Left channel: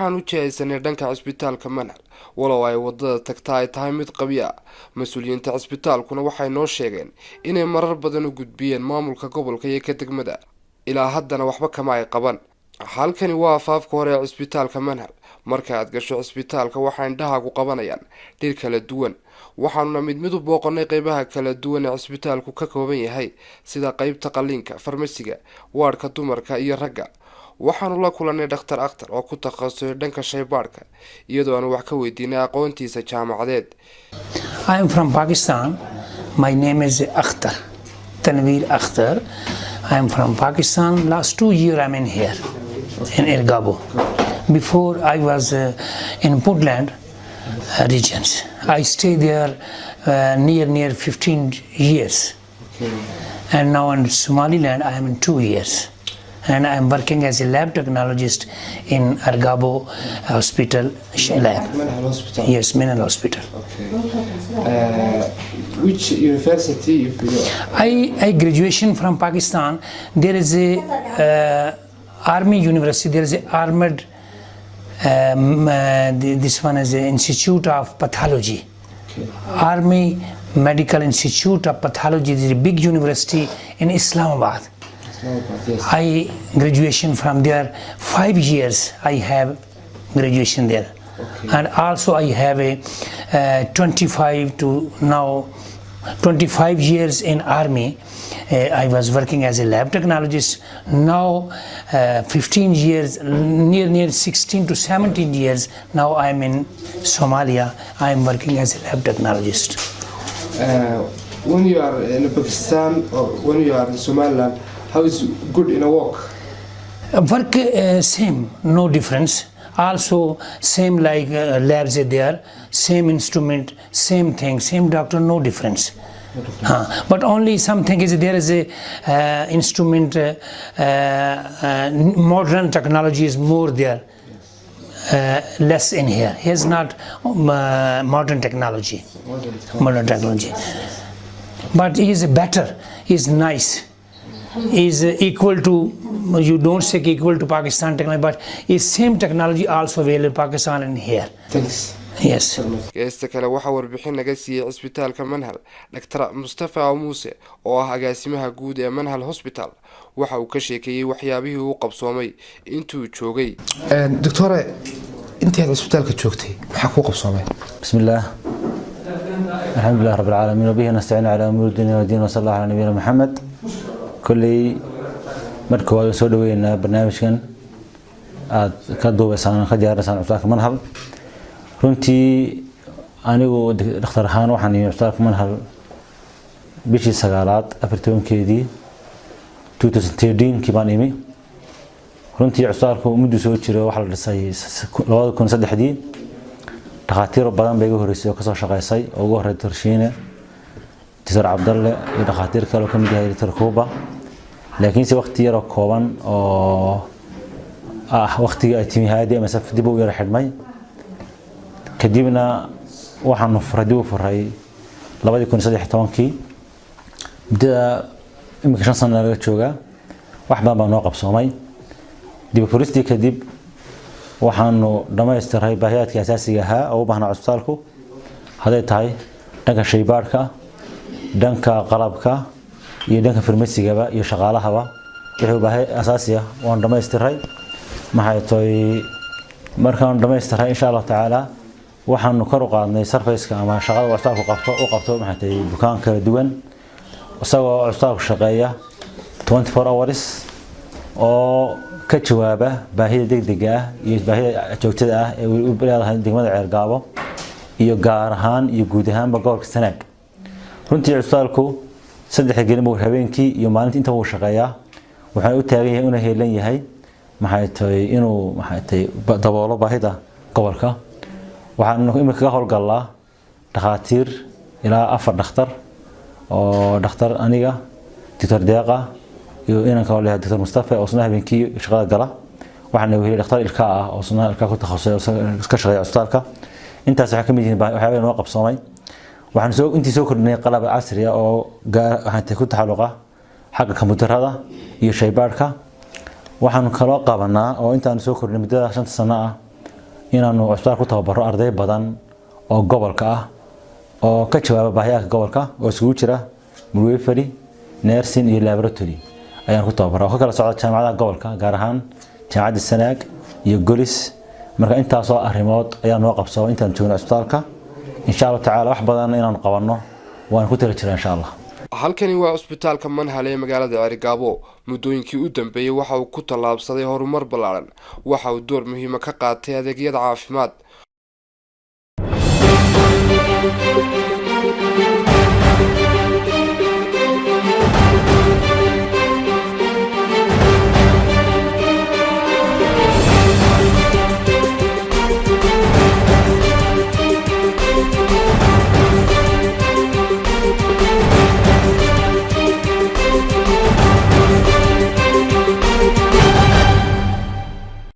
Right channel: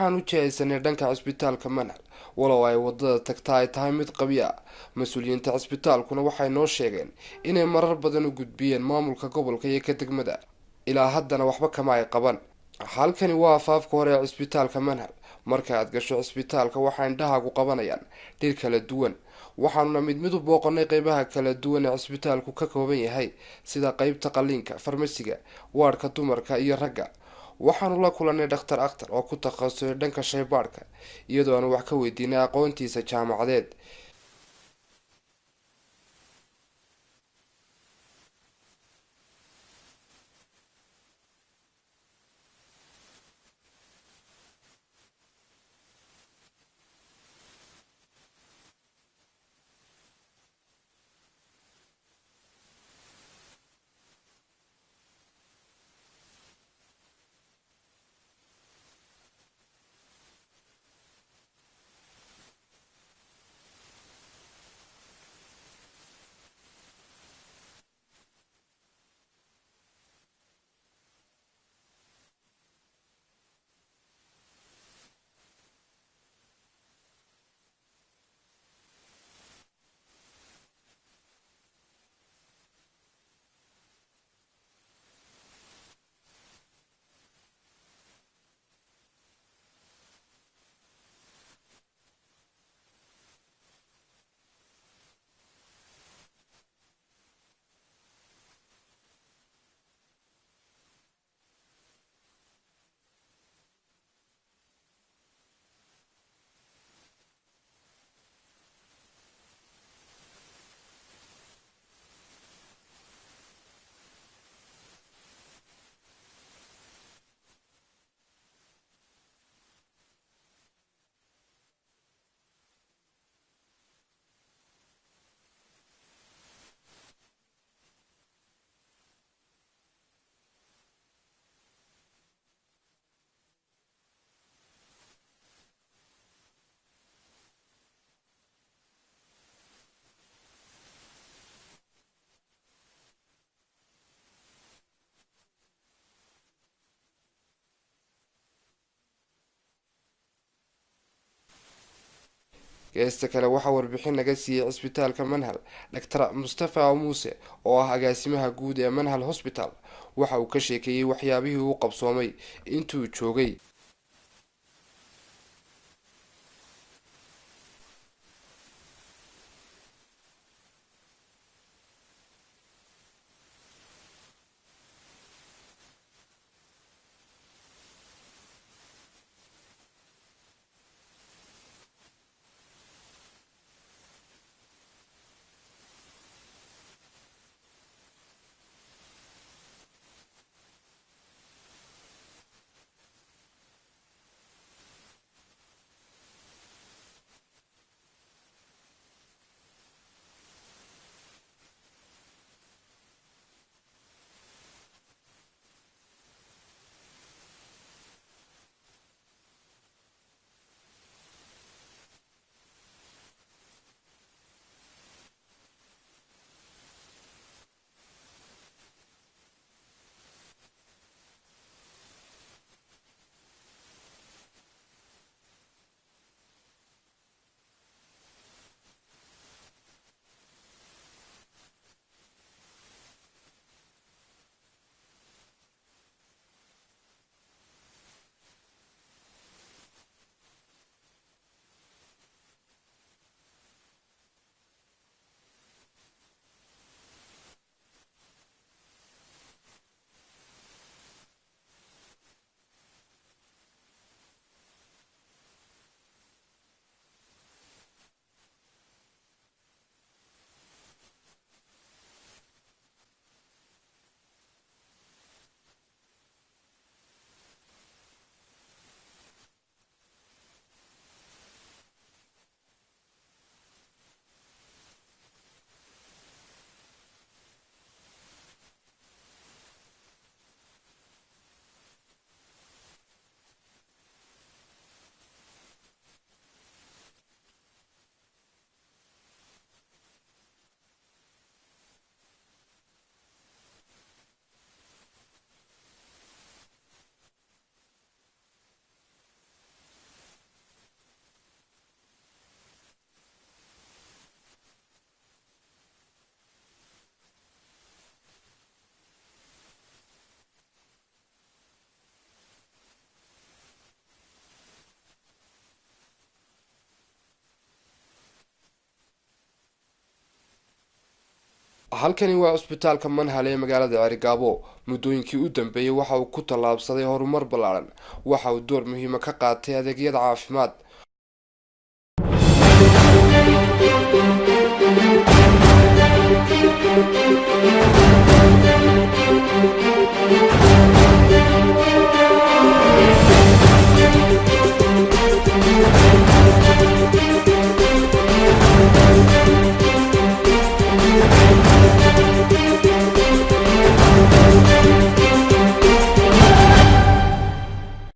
waxaan u jihaysanay dhanka cisbitaalka Manhal walow ay wadada tagtaa ay tahay mid qabiya mas'uuliyiinta cisbitaalkuna waxay noo sheegeen inay marar badan u gudbiyeen maamulka gobolka iyo ka degmada ilaa haddana waxba kama ay qaban. halkani waa afaafka hore ee cisbitaalka Manhal. marka aad gasho cisbitaalka waxaa indhahaagu qabanayaan dhir kala duwan waxaanuna mid u booqanay qaybaha kala duwan ee cisbitaalku ka kooban yahay sida qaybta qalliinka, farmasiga, waadhka dumarka iyo ragga. waxaanu la kulanay dhakhtar akhtar oo ku takhasusay dhanka shaybaadhka iyadoo aan wax ka weydiinay aqoontiisa jaamacadeed. I am from Pakistan. My name is Akhtar, Tanveer Akhtar. I am from Pakistan. Last 2 years I'm in here, in Ergabo. Before I was in Puntland regions. I stayed there near 15 years. And now in Somaliland I am in 2 years. And I am working as a lab technologist in Ergabo Hospital lab. Manhal Hospital. Yes, Manhal Hospital. Which university you I graduation from Pakistan. There is a army university. There is a armored. This one is the Institute of Pathology. Army Medical Institute of Pathology. This is a big university in Islamabad. Yes. I graduation from there 5 years. I have graduation there, and also I have a 25 to now 25 years in army. I was working as a lab technologist. Now 15 years, near 16 to 17 years. Now I am in Somalia. I am working as a lab technologist. When you are in Pakistan or when you are in Somaliland, how is good in a walk? Work same, no difference. Also same like labs are there, same instrument, same thing, same doctor, no difference. But only something is there is a instrument, modern technology is more there, less in here. Here's not modern technology. Modern technology. But he is better, he is nice. Is equal to, you don't say equal to Pakistan technology, but is same technology also available in Pakistan and here. Thanks. Yes. geesta kale waxaa warbixin naga siiyey cisbitaalka Manhal Dr. Mustafa Muuse oo ah agaasimaha guud ee Manhal Hospital. waxa uu ka sheekeeyay waxyaabihii uu qabsoomay intuu joogay. Doctor, intii aad cisbitaalka joogtay maxaa ku qabsoomay? Bismillah. Alhamdulillah rabbil alamin wa bihi nasta'inu ala umuri dunya wa din wa sallallahu ala nabiyyina Muhammad. kulli marka waa soo dhaweynaa barnaamijkan aad ka duubaysaan ka diyaarsan cisbitaalka Manhal. runtii anigu dhakhtar ahaan waxaan yimid cisbitaalka Manhal bishii 9aad 14keedii 2013 baan imi. runtii cisbitaalku muddo soo jiray waxa la dhisay 2003 dhakhaatiir badan bay ugu horeysay oo ka soo shaqeysay oo ugu horeeyay Tarshiine Dr. Abdalle iyo dhakhaatiir kale oo ka mid yahay Dr. Kuba. laakiin si waqti yar oo kooban oo waqtiga ay timi haadi ama saf dib u yar xidhmay kadibna waxaan furay 2013 muddada imika 5 sano laga joogaa wax badan baa noo qabsoomay. dib u furistii kadib waxaanu dhammaystiray baahiyaadka asaasiga ahaa oo u baahnaa cisbitaalku haday tahay dhanka shaybaadhka, dhanka qalabka iyo dhanka farmasigaba iyo shaqaalahaba. wixii baahi asaasi ah waan dhammaystiray. maxay tahay markaan dhammaystiray insha Allah taala waxaanu kor u qaadnay surface-ka ama shaqada cisbitaalku qabto maxay tahay bukaan kala duwan isagoo cisbitaalku shaqeeya 24 hours oo ka jawaaba baahida degdega ah iyo baahida joogtada ah ee uu leeyahay degmada Ceergaabo iyo gaar ahaan iyo guud ahaanba gobolka Sanaag. runtii cisbitaalku 3 gelmo habeenkii iyo maalintii inta uu shaqeeyaa waxay u taagan yahay inuu heelan yahay maxay tahay inuu daboolo baahida gobolka. waxaan imika ka howlgalnaa dhakhaatiir ilaa 4 dhakhtar oo dhakhtar aniga Dr. Deeqa iyo inanka oo leeyahay Dr. Mustafa oo isna habeenkii shaqada gala. waxaan weeyay dhakhtar ilka ah oo isna ilka ku takhasusay oo ka shaqeeya cisbitaalka. intaas waxa ka mid yihiin waxyaabo noo qabsoomay. waxaan intii soo kordhinay qalab casri ah oo waxaan ku taxalluqa xagga kombiyuutarada iyo shaybaadhka. waxaan kaloo qabanaa oo intaan soo kordhinay muddada 5 sano ah inaanu cusbitaal ku tababaro arday badan oo gobolka ah oo ka jawaaba baahiyaha gobolka oo isugu jira midwifery nursing iyo laboratory ayaan ku tababaraa oo ka kala socda jaamacadaha gobolka gaar ahaan jaamacadda Sanaag iyo Golis marka intaas oo arrimood ayaan noo qabsado intaan joogno cusbitaalka insha Allah taala wax badan inaan qabanno waan ku tala jiraa insha Allah. halkani waa cusbitaalka Manhal ee magaalada Cerigabo muddooyinkii u dambeeyay waxa uu ku tallaabsaday horumar ballaaran waxa uu door muhiim ah ka qaatay adeegyada caafimaad